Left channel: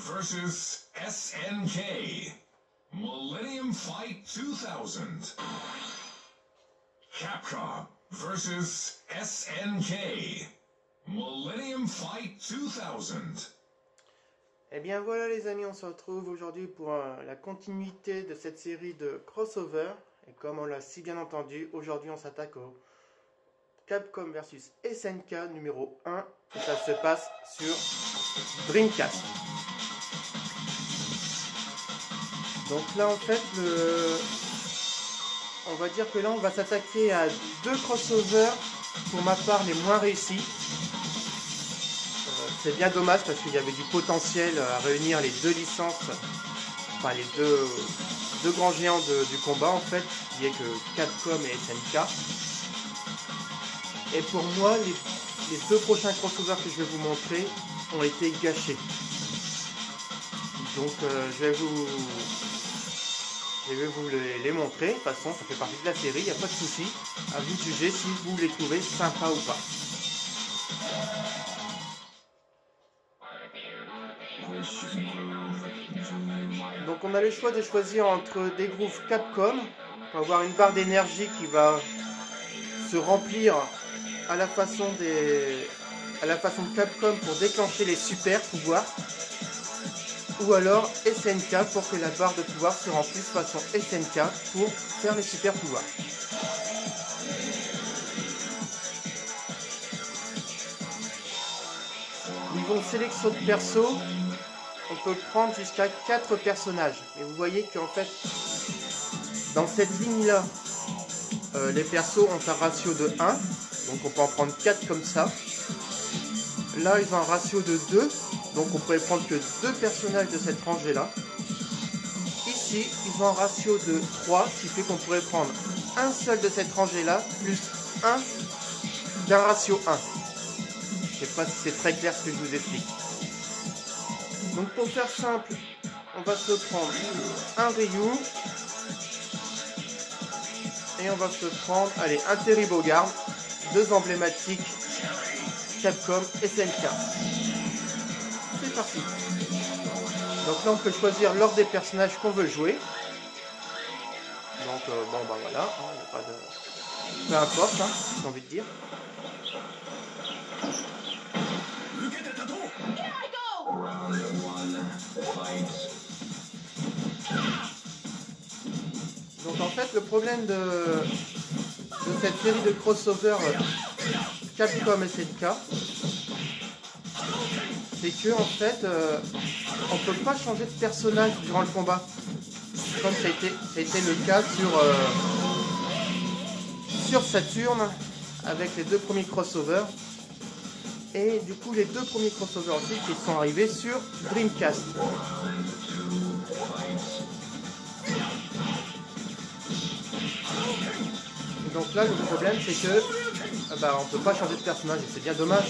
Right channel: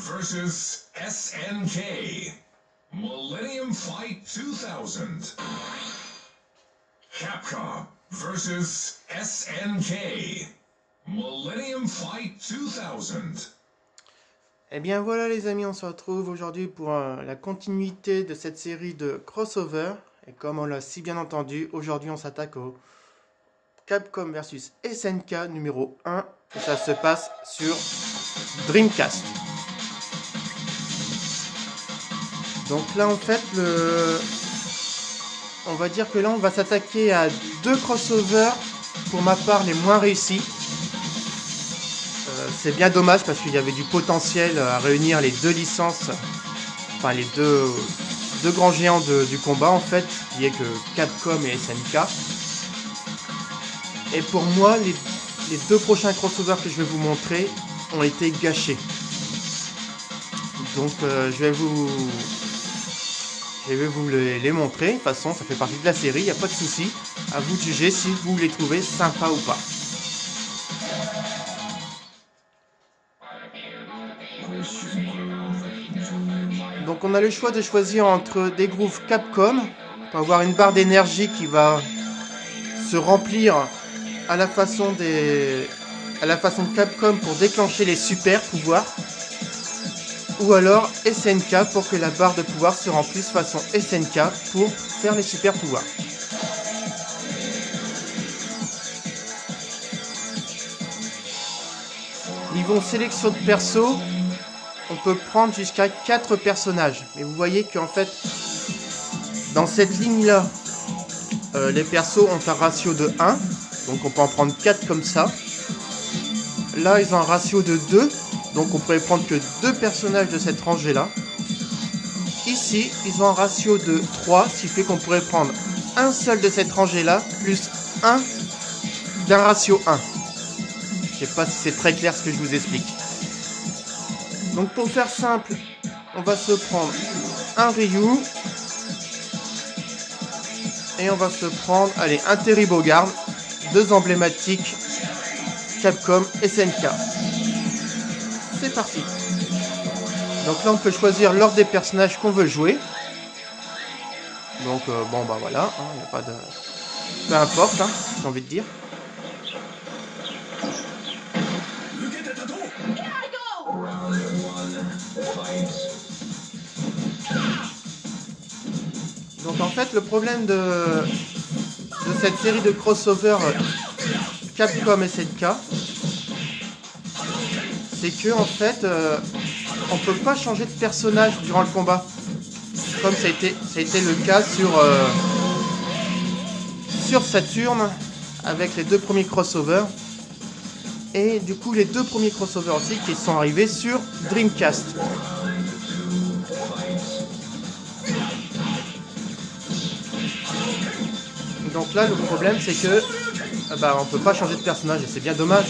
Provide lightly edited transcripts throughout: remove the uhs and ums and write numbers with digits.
versus SNK. Millennium Fight 2000. Capcom versus SNK. Millennium Fight 2000. Et bien voilà les amis, on se retrouve aujourd'hui pour la continuité de cette série de crossover. Et comme on l'a si bien entendu, aujourd'hui on s'attaque au Capcom versus SNK numéro 1. Et ça se passe sur Dreamcast. Donc là en fait, on va dire que là on va s'attaquer à deux crossovers, pour ma part les moins réussis. C'est bien dommage parce qu'il y avait du potentiel à réunir les deux licences, enfin les deux grands géants du combat en fait, qui est que Capcom et SNK. Et pour moi, les deux prochains crossovers que je vais vous montrer ont été gâchés. Donc je vais vous les montrer. De toute façon, ça fait partie de la série, il n'y a pas de souci. À vous de juger si vous les trouvez sympas ou pas. Donc on a le choix de choisir entre des grooves Capcom pour avoir une barre d'énergie qui va se remplir à la façon de Capcom pour déclencher les super pouvoirs, ou alors SNK pour que la barre de pouvoir se remplisse façon SNK pour faire les super pouvoirs. Niveau sélection de perso, on peut prendre jusqu'à 4 personnages. Mais vous voyez qu'en fait, dans cette ligne-là, les persos ont un ratio de 1. Donc on peut en prendre 4 comme ça. Là, ils ont un ratio de 2. Donc on pourrait prendre que 2 personnages de cette rangée-là. Ici, ils ont un ratio de 3. Ce qui fait qu'on pourrait prendre un seul de cette rangée-là, plus 1 d'un ratio 1. Je sais pas si c'est très clair ce que je vous explique. Donc pour faire simple, on va se prendre un Ryu. Et on va se prendre, allez, un Terry Bogard. Deux emblématiques Capcom SNK. C'est parti. Donc là on peut choisir l'ordre des personnages qu'on veut jouer. Donc bon bah voilà, hein, il n'y a pas de... peu importe, hein, j'ai envie de dire. Donc en fait le problème de cette série de crossover Capcom SNK, c'est que en fait on peut pas changer de personnage durant le combat, comme ça a été le cas sur Saturn avec les deux premiers crossovers, et du coup les deux premiers crossovers aussi qui sont arrivés sur Dreamcast. Donc là le problème c'est que on peut pas changer de personnage et c'est bien dommage.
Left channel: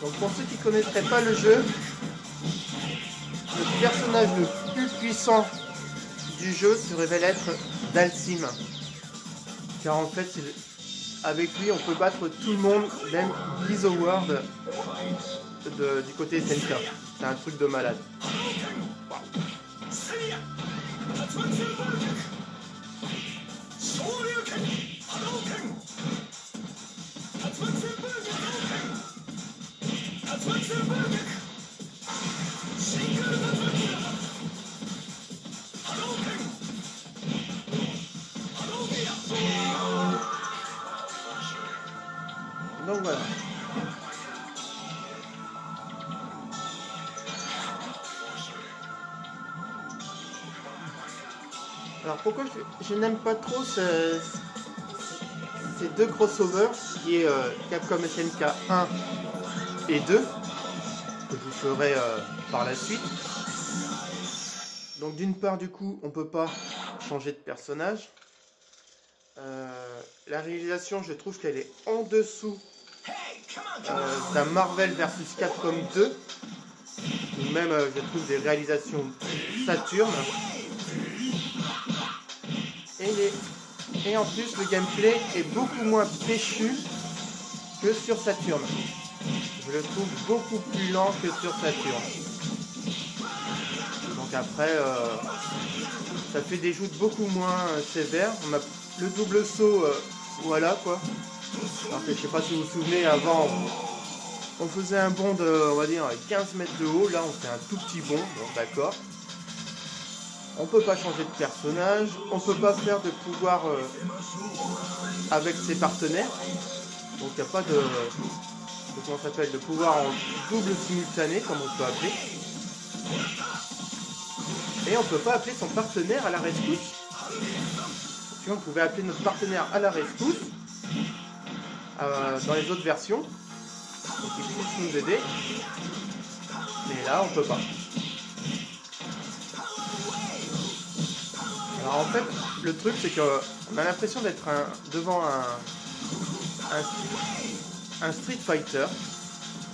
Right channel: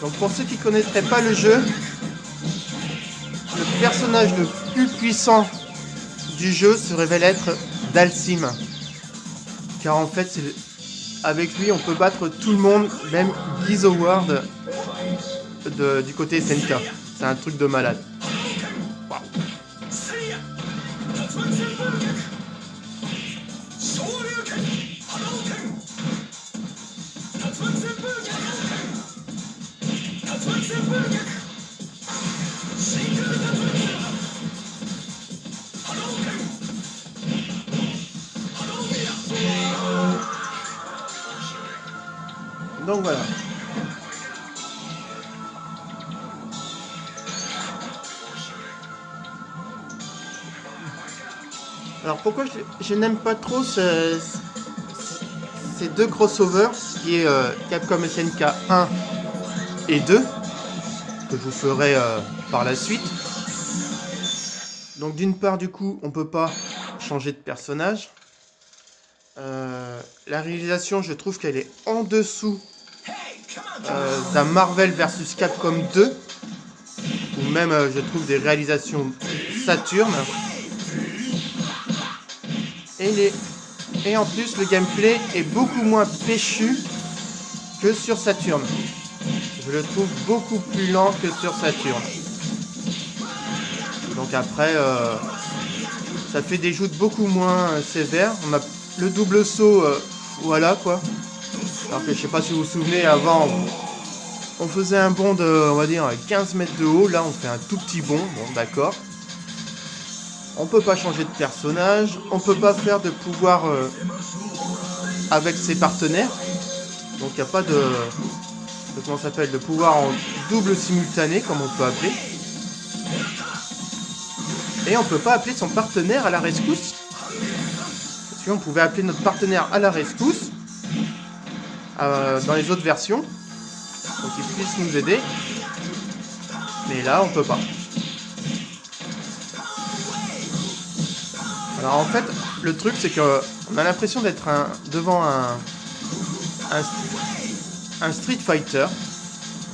Donc pour ceux qui connaîtraient pas le jeu, le personnage le plus puissant du jeu se révèle être Dhalsim. Car en fait avec lui on peut battre tout le monde, même Liz Howard du côté SNK. C'est un truc de malade. Donc voilà. Alors pourquoi je n'aime pas trop ces deux crossovers, qui est Capcom SNK 1 et 2, que je vous ferai par la suite. Donc d'une part du coup on peut pas changer de personnage. La réalisation, je trouve qu'elle est en dessous d'un Marvel vs Capcom 2, ou même je trouve des réalisations Saturn. Et en plus le gameplay est beaucoup moins péchu que sur Saturn. Je le trouve beaucoup plus lent que sur Saturn. Donc après, ça fait des joutes beaucoup moins sévères. On a le double saut, voilà quoi. Alors que je sais pas si vous vous souvenez, avant, on faisait un bond de, on va dire, 15 mètres de haut. Là, on fait un tout petit bond, bon d'accord. On peut pas changer de personnage, on peut pas faire de pouvoir avec ses partenaires. Donc il n'y a pas de comment ça s'appelle, de pouvoir en double simultané comme on peut appeler. Et on peut pas appeler son partenaire à la rescousse. Si on pouvait appeler notre partenaire à la rescousse dans les autres versions, pour qu'il puisse nous aider. Mais là on peut pas. Alors en fait, le truc c'est que on a l'impression d'être devant un Street Fighter.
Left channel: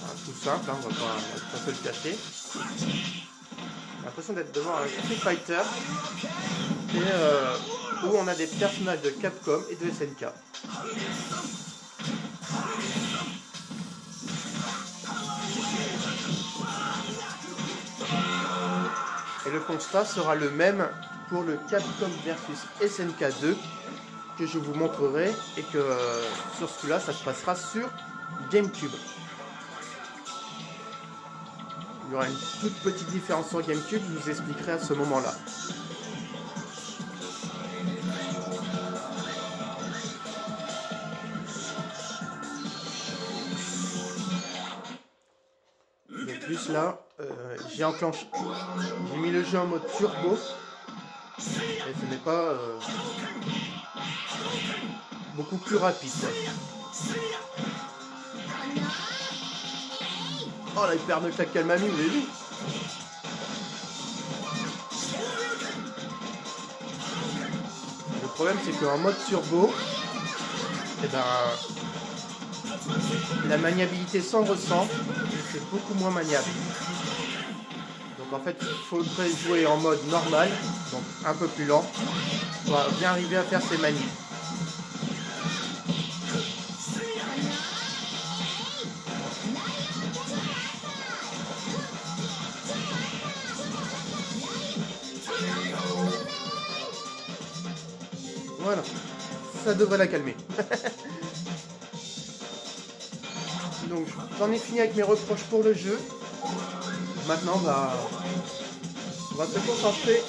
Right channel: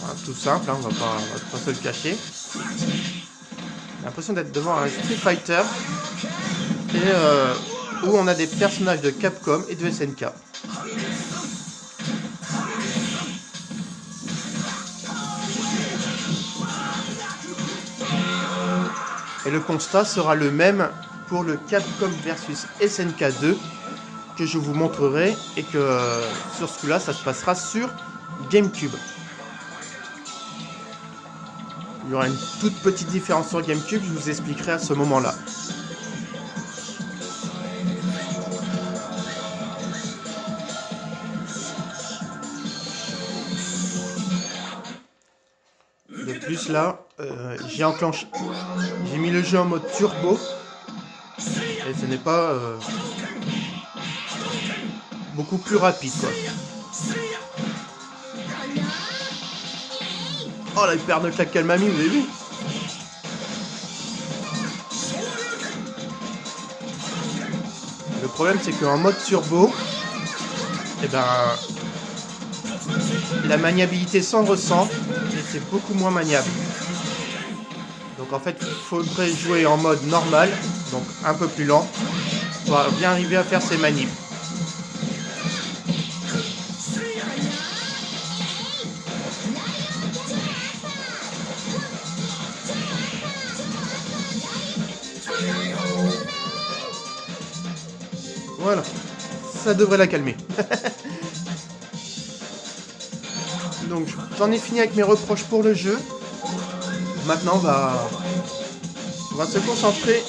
Voilà, tout simple, hein, on va pas se le cacher. On a l'impression d'être devant un Street Fighter et, où on a des personnages de Capcom et de SNK. Et le constat sera le même pour le Capcom versus SNK 2 que je vous montrerai et que sur celui-là ça se passera sur GameCube. Il y aura une toute petite différence sur GameCube, je vous expliquerai à ce moment-là. De plus là, j'ai mis le jeu en mode turbo et ce n'est pas beaucoup plus rapide quoi. Oh la paire de claques qu'elle m'a mis, vous avez vu? Le problème c'est qu'en mode turbo, et ben la maniabilité s'en ressent et c'est beaucoup moins maniable. Donc en fait il faudrait jouer en mode normal, donc un peu plus lent, pour bien arriver à faire ces manips. Voilà, ça devrait la calmer. Donc j'en ai fini avec mes reproches pour le jeu. Maintenant on va se concentrer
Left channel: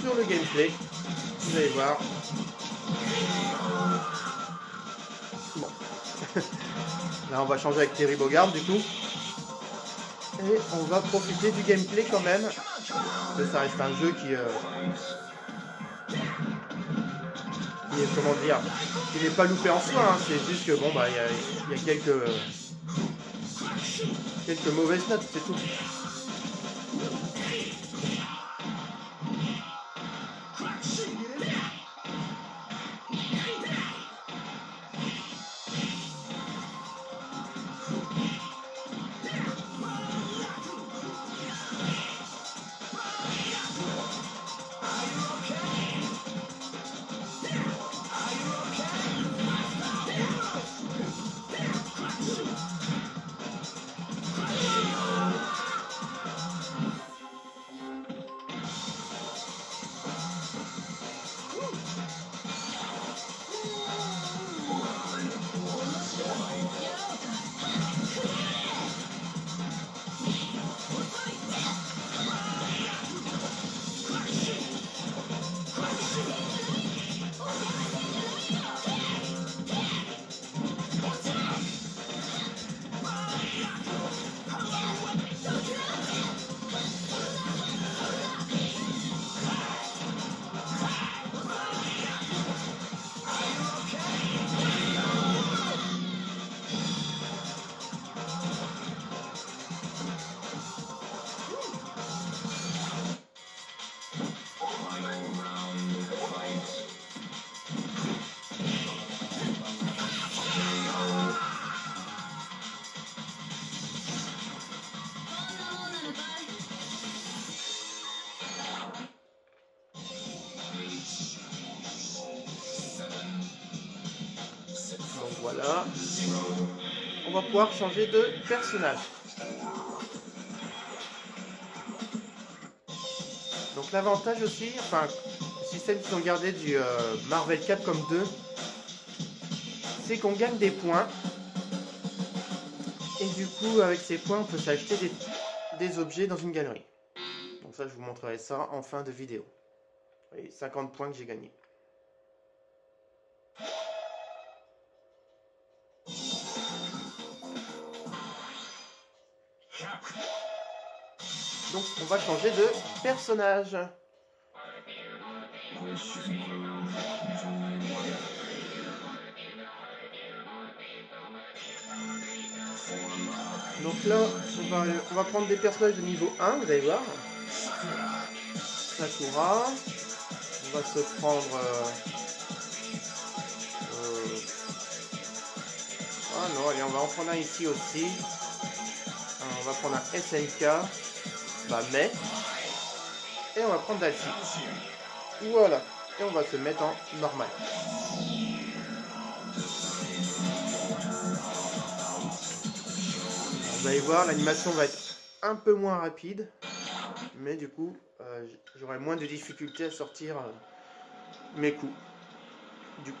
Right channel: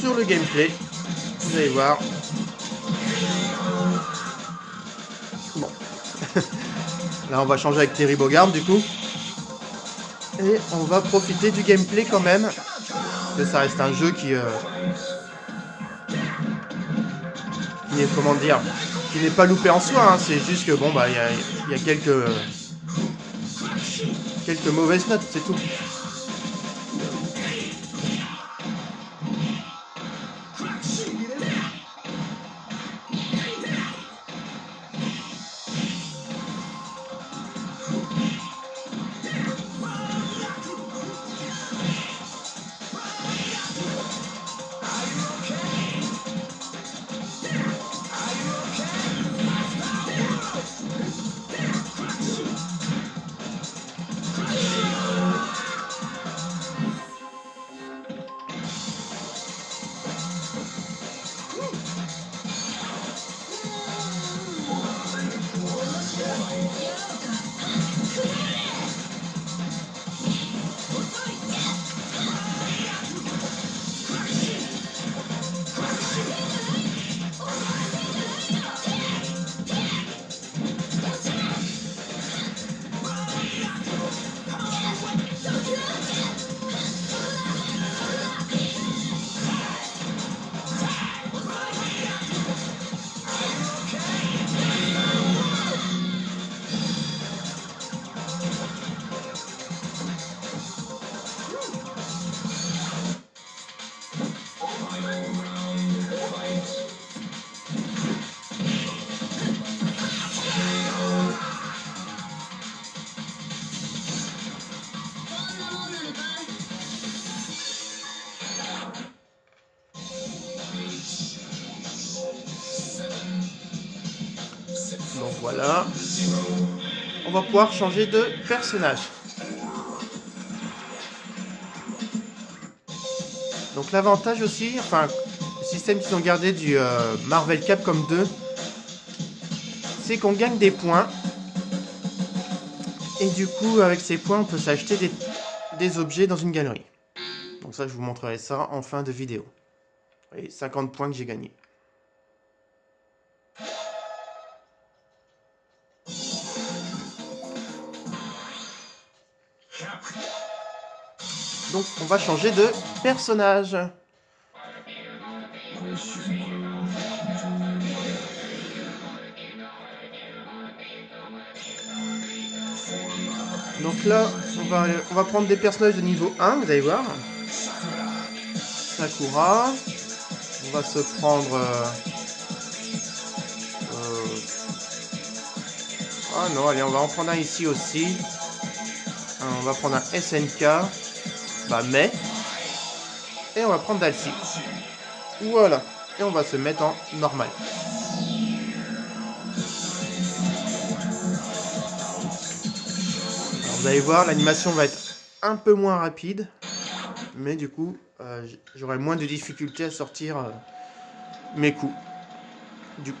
sur le gameplay. Vous allez voir. Bon. Là on va changer avec Terry Bogard du coup. Et on va profiter du gameplay quand même. Parce que ça reste un jeu qui est, comment dire, qui n'est pas loupé en soi, hein. C'est juste que bon bah il y a quelques mauvaises notes, c'est tout. on va pouvoir changer de personnage. Donc l'avantage aussi, enfin, le système qu'ils ont gardé du Marvel Capcom 2, c'est qu'on gagne des points. Et du coup, avec ces points, on peut s'acheter des objets dans une galerie. Donc ça, je vous montrerai ça en fin de vidéo. Et 50 points que j'ai gagnés. Donc on va changer de personnage. Donc là, on va prendre des personnages de niveau 1, vous allez voir. Sakura. On va se prendre... Ah non, allez, on va en prendre un ici aussi. On va prendre un SNK. Bah, mais. Et on va prendre Dalsim. Voilà. Et on va se mettre en normal. Vous allez voir, l'animation va être un peu moins rapide. Mais du coup, j'aurai moins de difficultés à sortir mes coups. Du coup.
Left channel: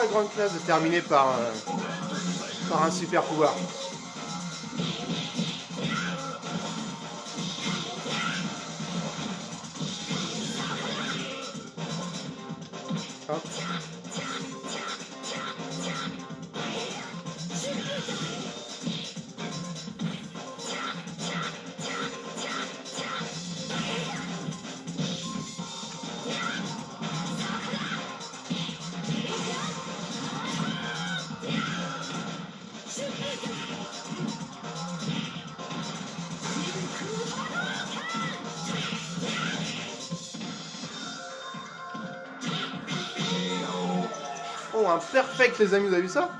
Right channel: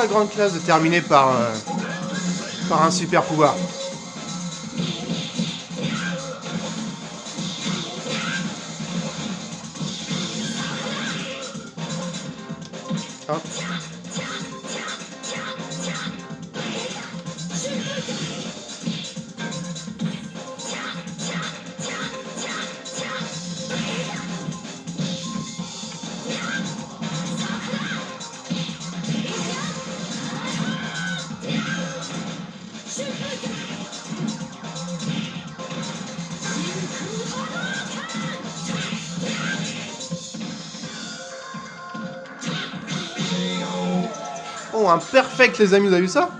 La grande classe de terminer par un super pouvoir. Hop. Oh, un perfect, les amis, vous avez vu ça?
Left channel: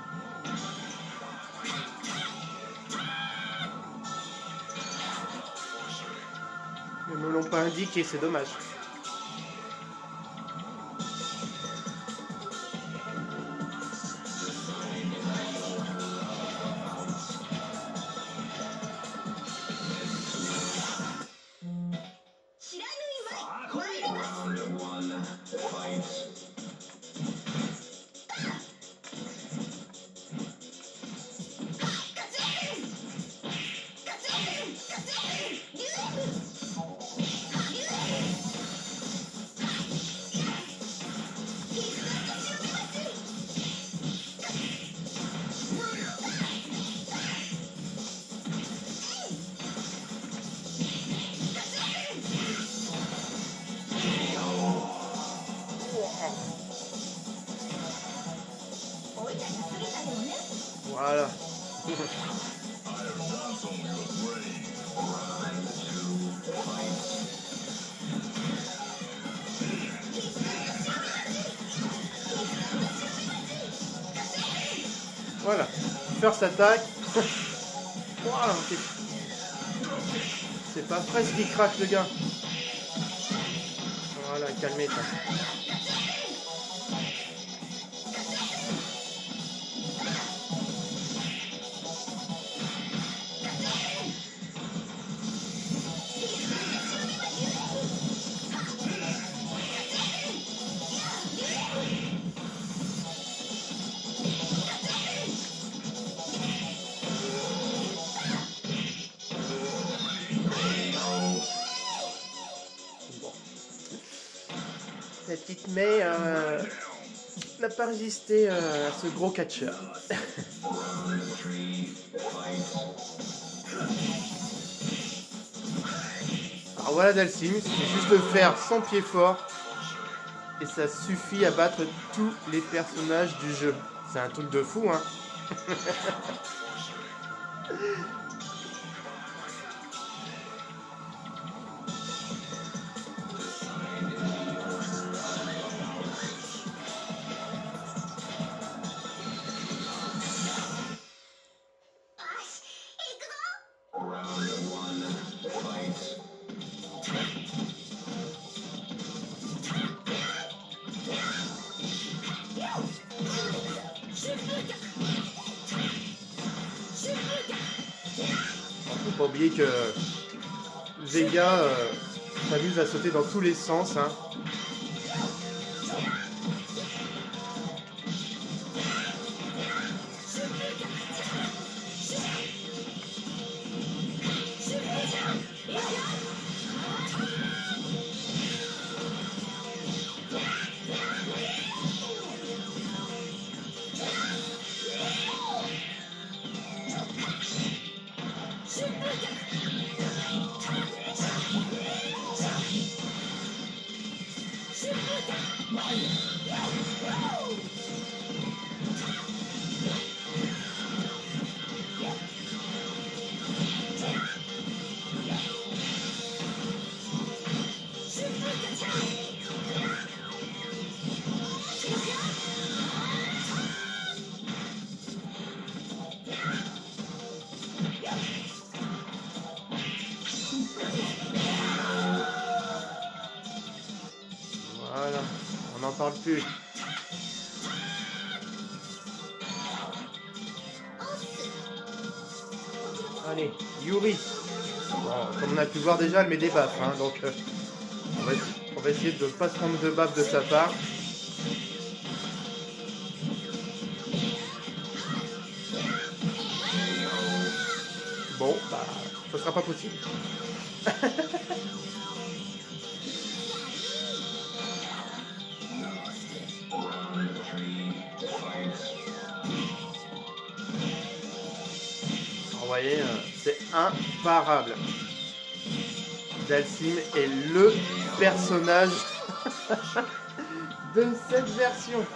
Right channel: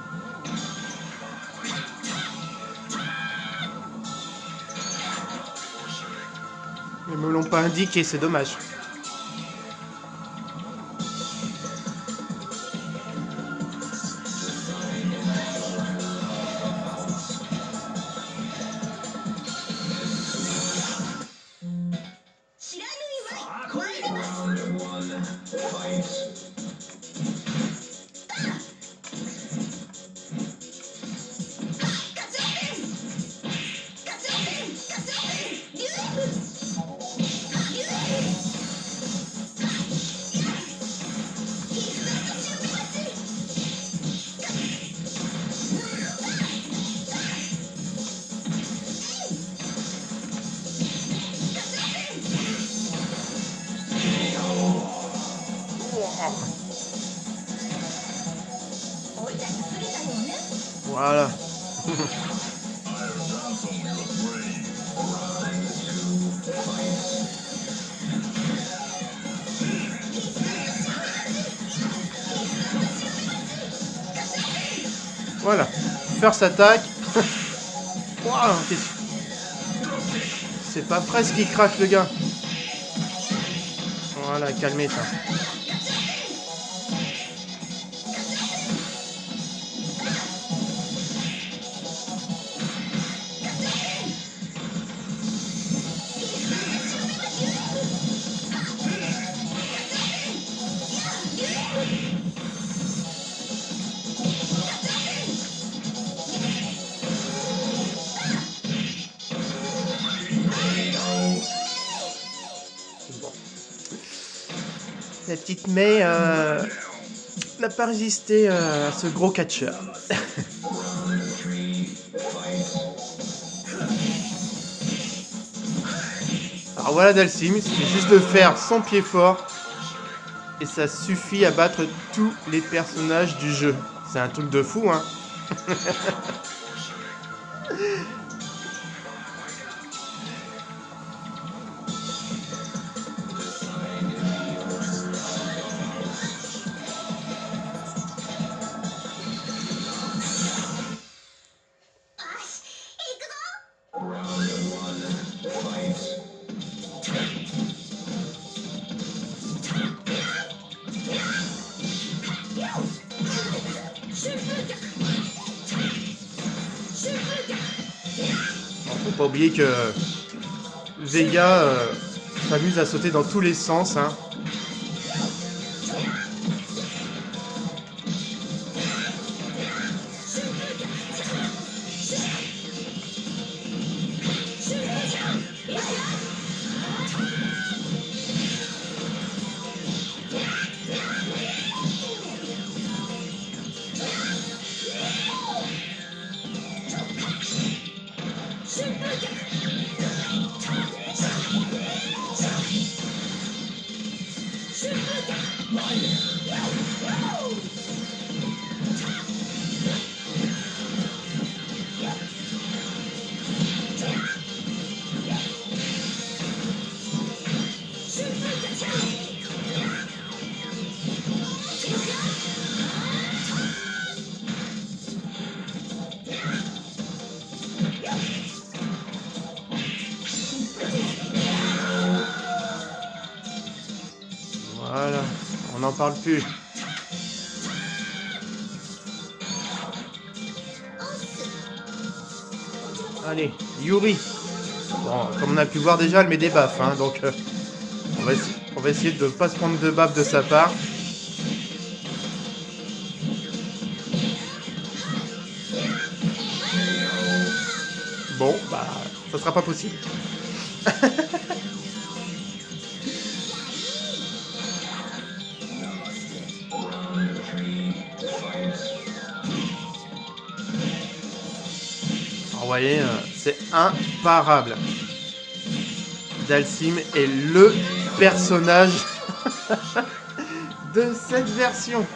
Ils me l'ont pas indiqué, c'est dommage. Voilà. Voilà. First attack. Wow, c'est pas presque qui crache le gars. Voilà, calmez ça. La petite Mei n'a pas résisté à ce gros catcheur. Alors voilà Dalsim, il suffit juste de faire son pied fort Et ça suffit à battre tous les personnages du jeu. C'est un truc de fou, hein. Faut pas oublier que Vega s'amuse à sauter dans tous les sens, hein. Voilà, on n'en parle plus. Allez, Yuri. Bon, comme on a pu voir déjà, elle met des baffes, hein, donc on va essayer de ne pas se prendre de baffes de sa part. Bon, bah, ça sera pas possible. Vous voyez, c'est imparable. Dhalsim est le personnage de cette version.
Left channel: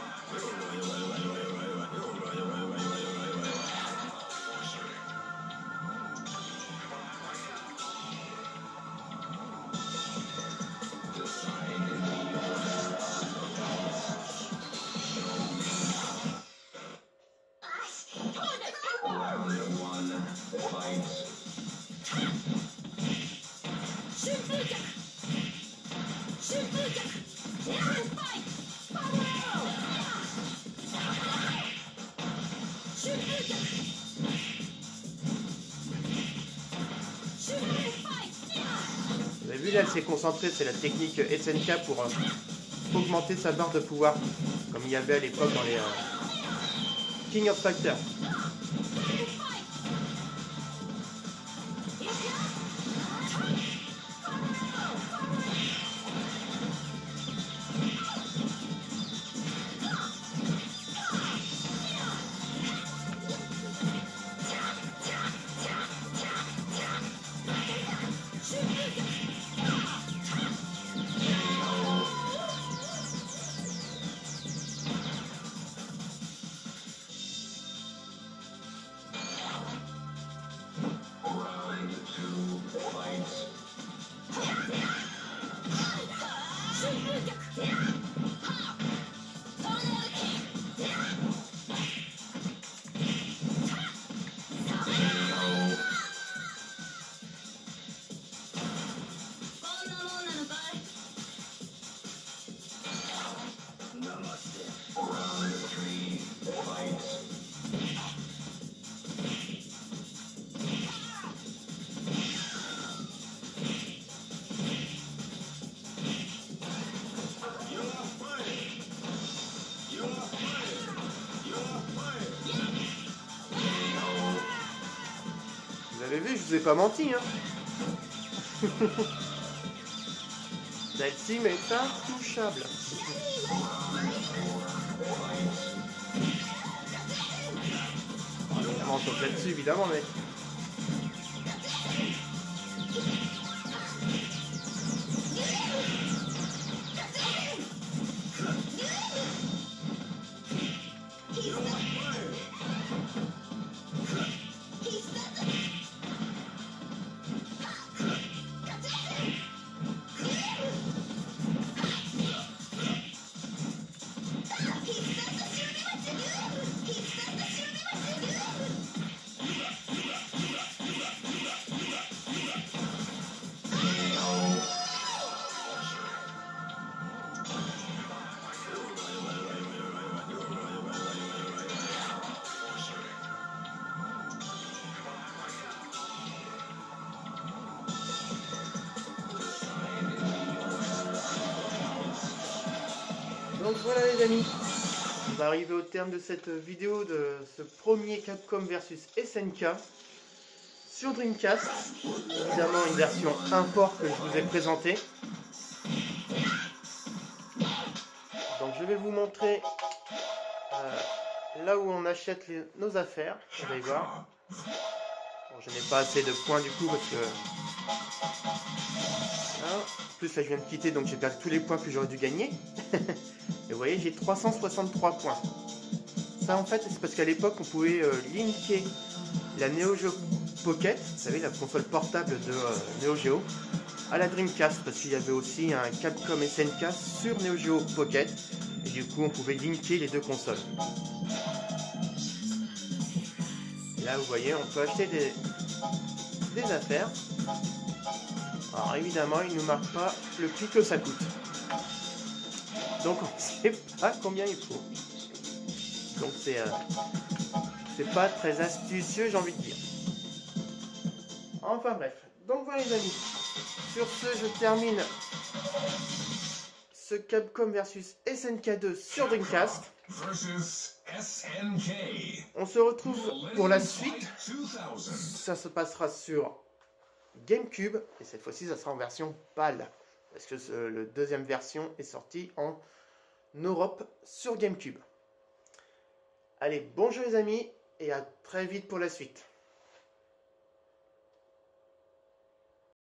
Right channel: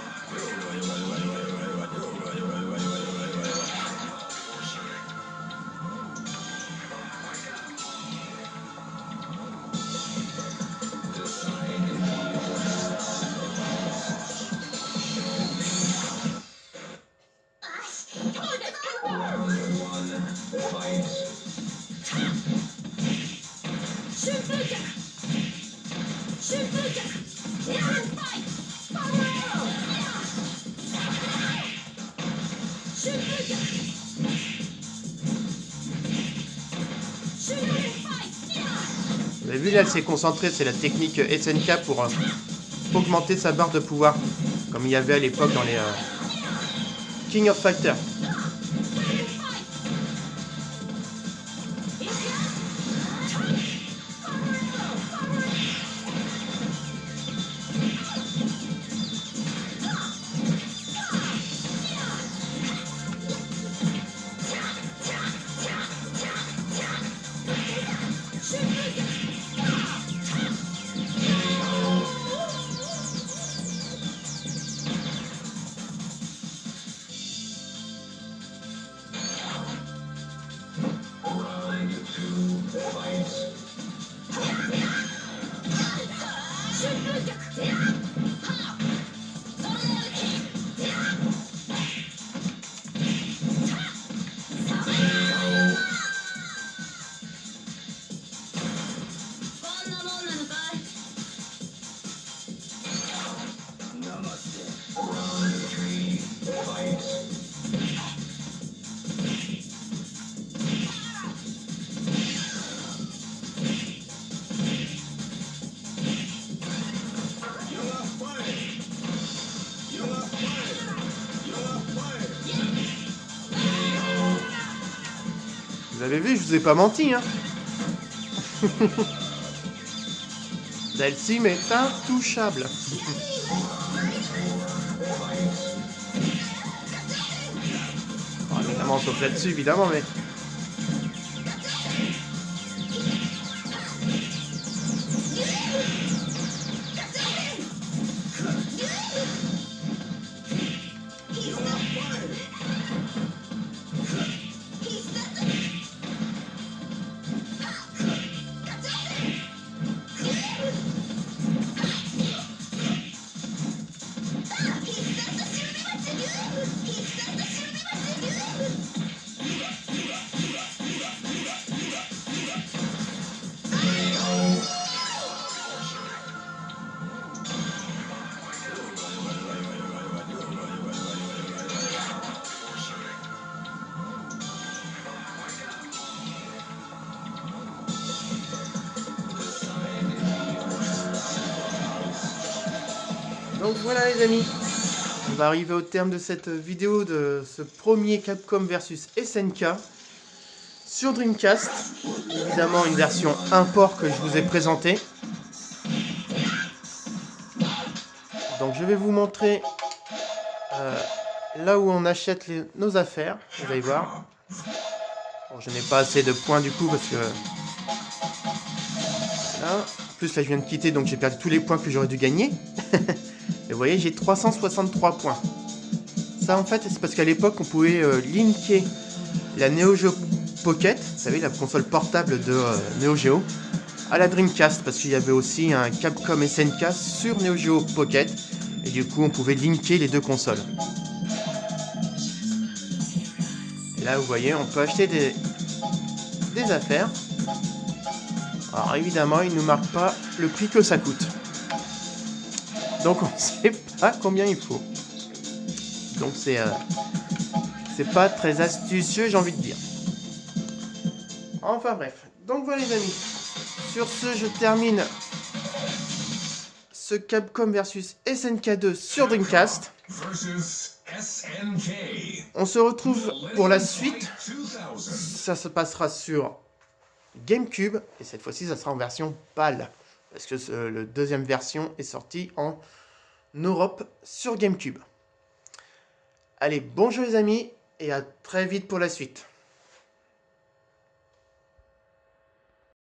Vous avez vu là, elle s'est concentrée, c'est la technique SNK pour augmenter sa barre de pouvoir, comme il y avait à l'époque dans les King of Fighters. Vous avez vu, je vous ai pas menti, hein. Dhalsim est intouchable. Évidemment, sauf là-dessus, évidemment, mais... Donc voilà les amis, on va arriver au terme de cette vidéo de ce premier Capcom versus SNK sur Dreamcast. Évidemment une version import que je vous ai présentée. Donc je vais vous montrer là où on achète nos affaires, vous allez voir. Bon, je n'ai pas assez de points du coup parce que... Voilà. En plus là je viens de quitter donc j'ai perdu tous les points que j'aurais dû gagner. Et vous voyez j'ai 363 points. Ça en fait c'est parce qu'à l'époque on pouvait linker la Neo Geo Pocket, vous savez la console portable de Neo Geo, à la Dreamcast parce qu'il y avait aussi un Capcom SNK sur Neo Geo Pocket et du coup on pouvait linker les deux consoles. Et là vous voyez on peut acheter des affaires. Alors évidemment il ne nous marque pas le prix que ça coûte. Donc on ne sait pas combien il faut. Donc c'est pas très astucieux j'ai envie de dire. Enfin bref. Donc voilà les amis. Sur ce je termine ce Capcom versus SNK 2 sur Dreamcast. On se retrouve pour la suite. Ça se passera sur GameCube. Et cette fois-ci ça sera en version PAL. Parce que la deuxième version est sortie en Europe sur GameCube. Allez, bonjour les amis, et à très vite pour la suite.